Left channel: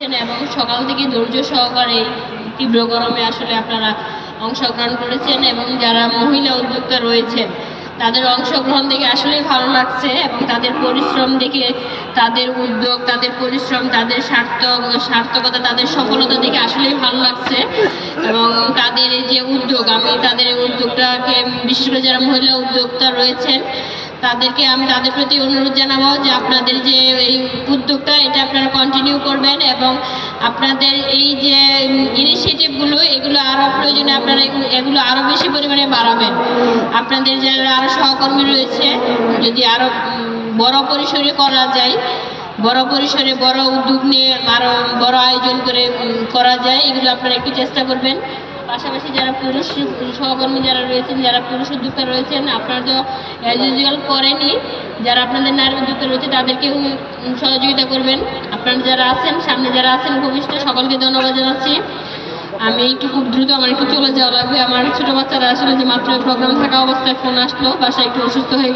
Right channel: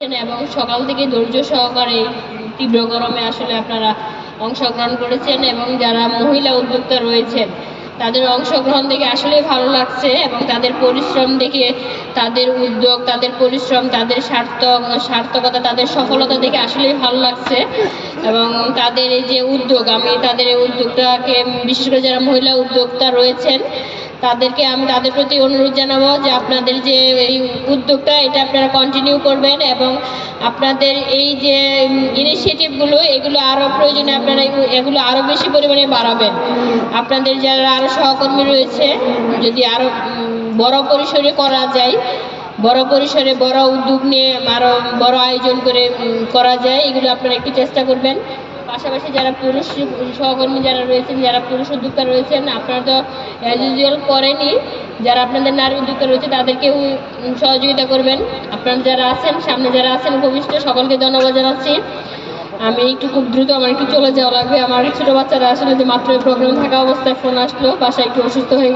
এবং সকাল থেকে ধৈর্য সহকারে তীব্র গরমে আসলে আপনারা অংশগ্রহণ করেছেন এবং যারা মহিলা উদ্যোক্তা রয়েছেন তাদের অংশগ্রহণ দেখে আসলে ভালো লাগছে এবং তাদের পরিশ্রম দেখে, তাদের উদ্যোগ, তাদের পরিশ্রম, তাদের সার্থকতা, তাদের সফলতা দেখে আসলেই ভালো লাগছে। এবং তাদের এই যে উদ্যোগ, আমি তাদের এই উদ্যোগটাকে, বিশেষ করে যারা মহিলা উদ্যোক্তা রয়েছেন আমি তাদের প্রতি অনুরোধ জানাবো যে আপনাদের যে এই উদ্যোগটা এটা আপনারা কন্টিনিউ করবেন এবং আপনাদের এই যে ইনিশিয়েটিভগুলো এগুলো আরও প্রয়োজনে আপনারা এগুলো আরও বেশি পরিমাণে বাড়াবেন। আপনাদের যারা আরও সহকর্মী রয়েছে যদি আরও বড় পরিসরে করা যায়, বড় পরিসরে বড় উদ্যোগ নিয়ে আরও বড় আয়োজন করে করা যায়, এগুলো আপনারা একটু চেষ্টা করবেন। পাশাপাশি যারা পুরুষ সহকর্মী যারা রয়েছেন, যারা পুরুষ উদ্যোক্তা রয়েছেন, আপনারা তো অ্যাজ ইউজুয়াল করেনই, যারা আপনাদের নারী উদ্যোক্তা রয়েছে তাদেরকেও সহযোগিতা করবেন। আপনারা যারা আছেন, সামনে যারা আছেন ভবিষ্যৎ, সকলকে ধন্যবাদ জানাচ্ছি। আমি খুব দ্রুত আমার একটু চলে যাওয়া লাগবে। আমার ছোটো বাচ্চারা আসলে যে মাত্র প্রোগ্রাম থাকা অবস্থায় ফোন আসলো, বাসায় একটু অসুস্থ হয়ে